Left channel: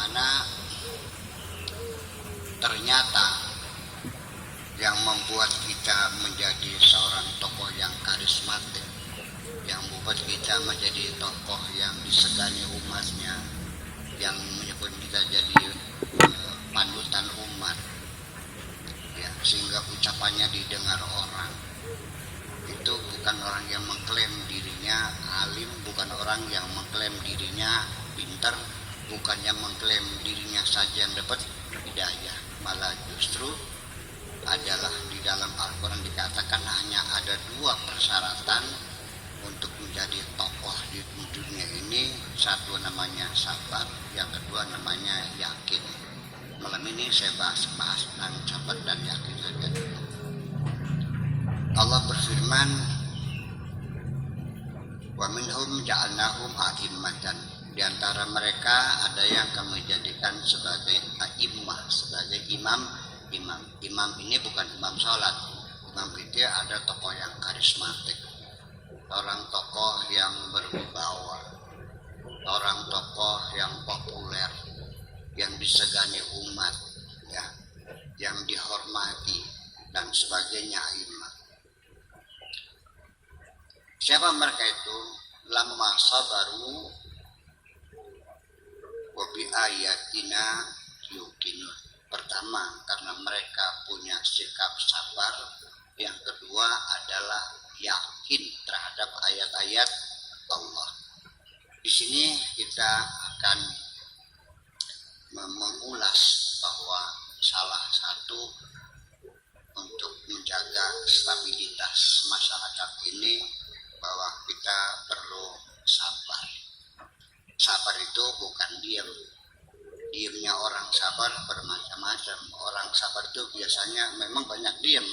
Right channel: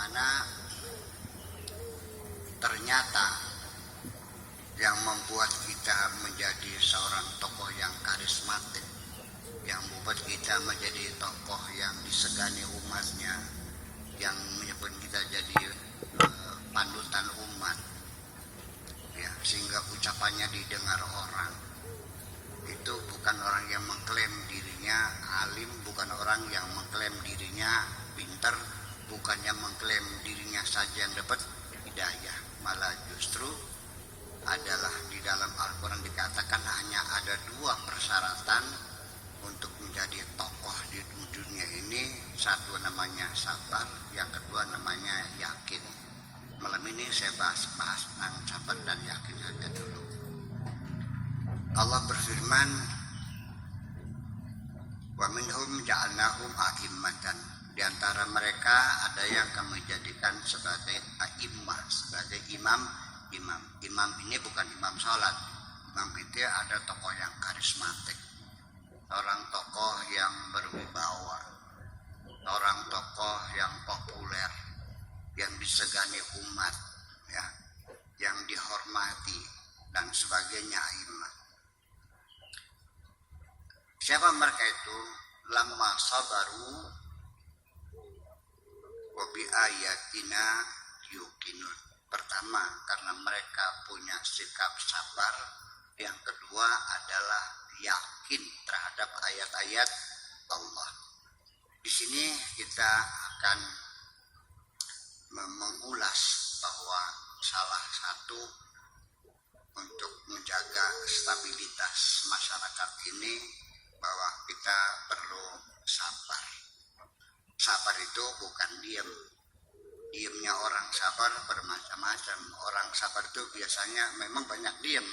mana ternyata yang membuat kita menjadi seorang tokoh yang karismatik, yang membuat kita menjadi tokoh yang disegani umatnya, yang menyebut kita jadi panutan umat, ya, sehingga ucapannya didengar orang. Itu bukan orang yang mengklaim dirinya alim, bukan orang yang mengklaim dirinya pintar, bukan yang mengklaim dirinya saja yang dapat hidayah, malah justru adalah di dalam Al-Quran dikatakan hanya ada 2 persyaratan untuk menjadi tokoh di dunia ini. Satu namanya sabar, yang kedua namanya yakin. Malam ini saya bahas tentang sabar dan yakin saja dulu. Allah berfirman, wa minhum ja'alnahum a'immatan. Di antara mereka ada yang kami jadikan sebagai a'immah, sebagai imam. Imam ini bukan imam sholat. Imam itu ada tokoh yang karismatik, orang tokoh yang berwibawa, orang tokoh yang populer, yang disegani umat, ya, yang dihormati dan sebagainya. Imam. Siapa mereka itu? Lamma sabaru wa bi ayatina yuqinun. Pertama, karena mereka punya sikap sabar. Yang kedua adalah yakin terhadap ayat-ayat Allah. Di sini kita akan mengulas bahwa salah satu untuk menjaga stabilitas masyarakat ini bahwa kita perlu sabar. Sabar itu bukan diam. Diamnya orang sabar bermacam-macam. Orang sabar itu biasanya memang banyak diam,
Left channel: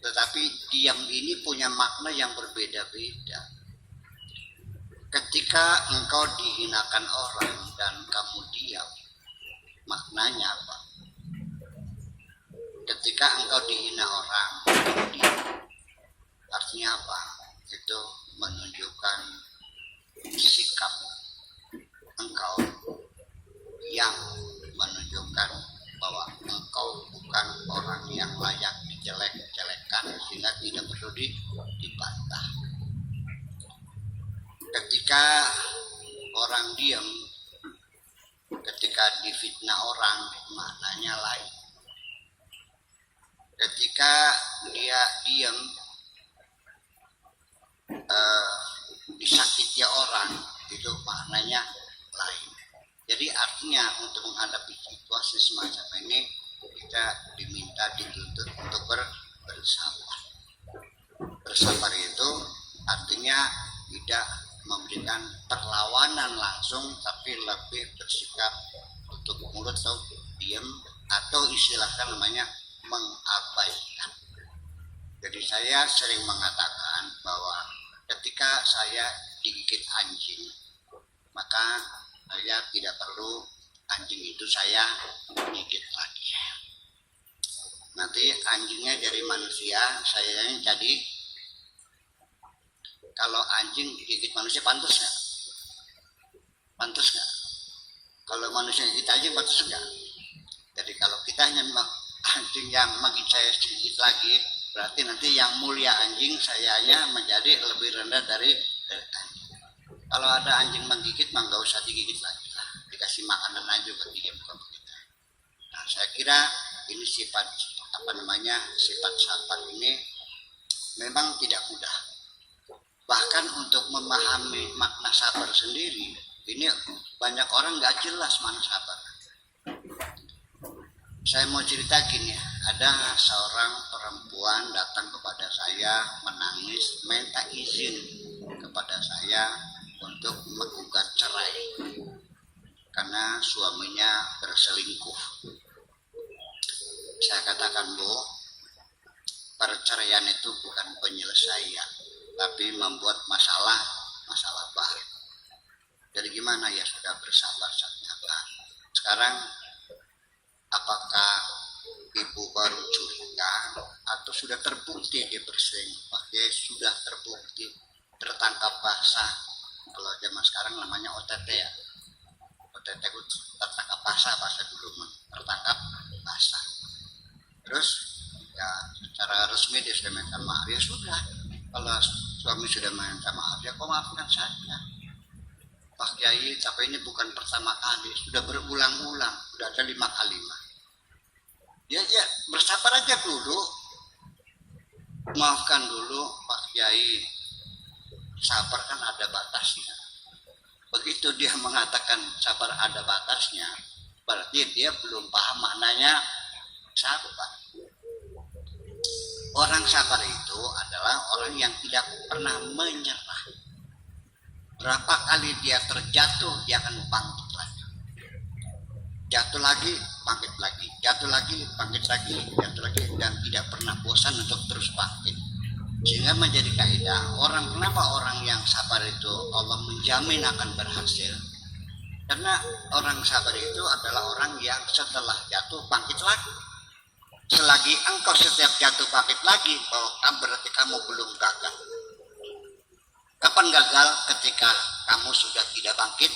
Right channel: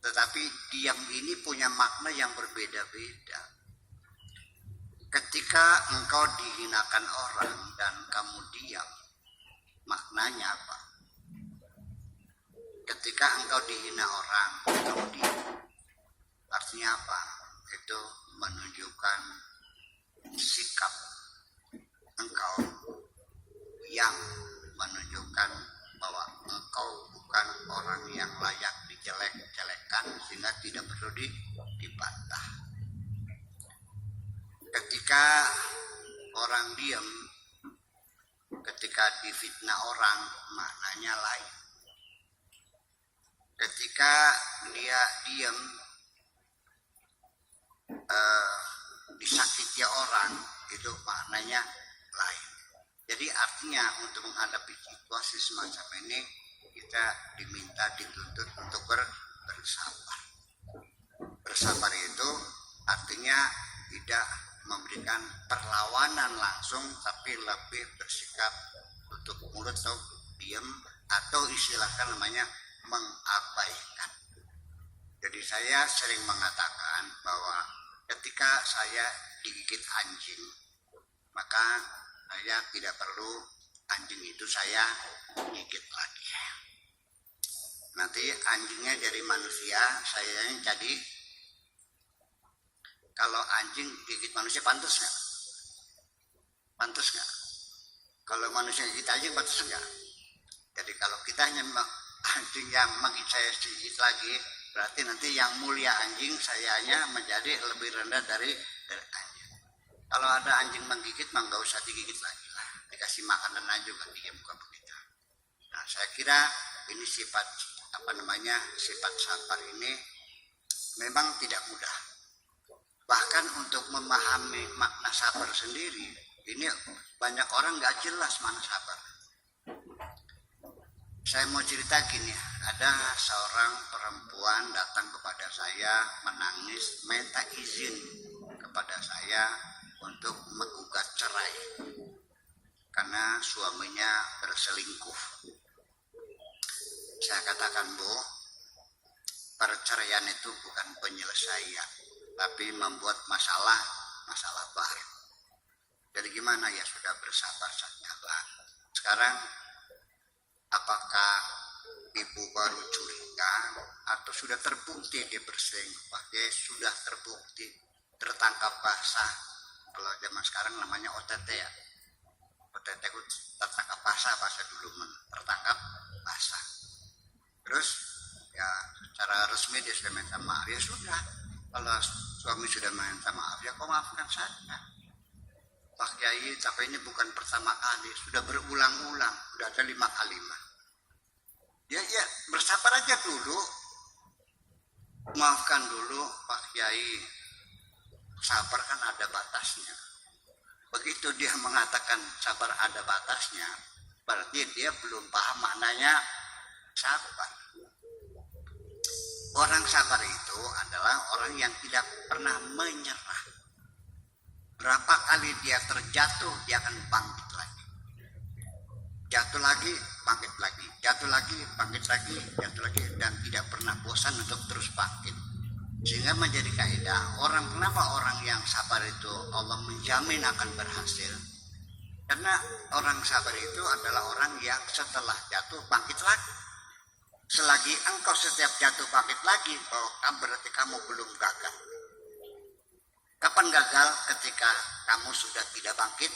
tetapi diam ini punya makna yang berbeda-beda. Ketika engkau dihinakan orang dan kamu diam, maknanya apa? Ketika engkau dihina orang, kamu diam, artinya apa? Itu menunjukkan sikap engkau yang menunjukkan bahwa engkau bukan orang yang layak dijelek-jelekan, sehingga tidak perlu dibantah. Ketika orang diam, ketika difitnah orang, maknanya lain. Ketika dia diam, disakiti orang, itu maknanya lain. Jadi artinya untuk menghadapi situasi semacam ini kita dituntut untuk bersabar. Bersabar itu artinya tidak memberikan perlawanan langsung, tapi lebih bersikap tutup mulut atau diam, atau istilahkan namanya mengabaikan. Jadi saya sering mengatakan bahwa ketika saya digigit anjing, maka saya tidak perlu anjing itu saya gigit lagi. Nanti anjingnya dari manusia, saya jadi. Kalau anjing digigit manusia pantas nggak? Pantas nggak? Kalau manusia gigit anjing pantas nggak? Jadi kalau kita hanya anjing yang menggigit saya sedikit lagi, berarti nanti yang mulia anjing, sayanya menjadi lebih rendah dari anjing. Kalau ada anjing menggigit, mah nggak usah digigit lagi lah, dikasih makanan aja juga, dia bukan begitu. Nah, saya kira ini sifat sifat sabar ini memang tidak mudah. Bahkan untuk memahami makna sabar sendiri, ini banyak orang nggak jelas mana sabar. Saya mau cerita gini, ada seorang perempuan datang kepada saya menangis, minta izin kepada saya untuk menggugat cerai karena suaminya berselingkuh. Saya katakan, Bu, perceraian itu bukan penyelesaian, tapi membuat masalah baru. Jadi gimana? Ya sudah, bersabar saja. Sekarang apakah ibu baru curiga atau sudah terbukti dia berselingkuh? Dia sudah terbukti, tertangkap basah. Kalau zaman sekarang namanya OTT ya. OTT itu tertangkap dia sudah minta maaf, ya sudah. Kalau suami sudah minta maaf, ya kau maafkan saja. Pak Kiai, tapi ini bukan pertama kali, sudah berulang-ulang, sudah ada 5 kalimat. Ya, bersabar aja dulu. Maafkan dulu Pak Kiai. Sabar kan ada batasnya. Begitu dia mengatakan sabar ada batasnya, berarti dia belum paham maknanya sabar. Orang sabar itu adalah orang yang tidak pernah menyerah. Berapa kali dia terjatuh, dia akan bangkit lagi. Jatuh lagi, bangkit lagi. Jatuh lagi, bangkit lagi. Jatuh lagi, dan tidak pernah bosan untuk terus bangkit. Sehingga menjadi kaidah kenapa orang yang sabar itu Allah menjamin akan berhasil. Karena orang sabar itu adalah orang yang setelah jatuh bangkit lagi. Selagi engkau setiap jatuh bangkit lagi, berarti kamu belum gagal. Kapan gagal? Ketika kamu sudah tidak bangkit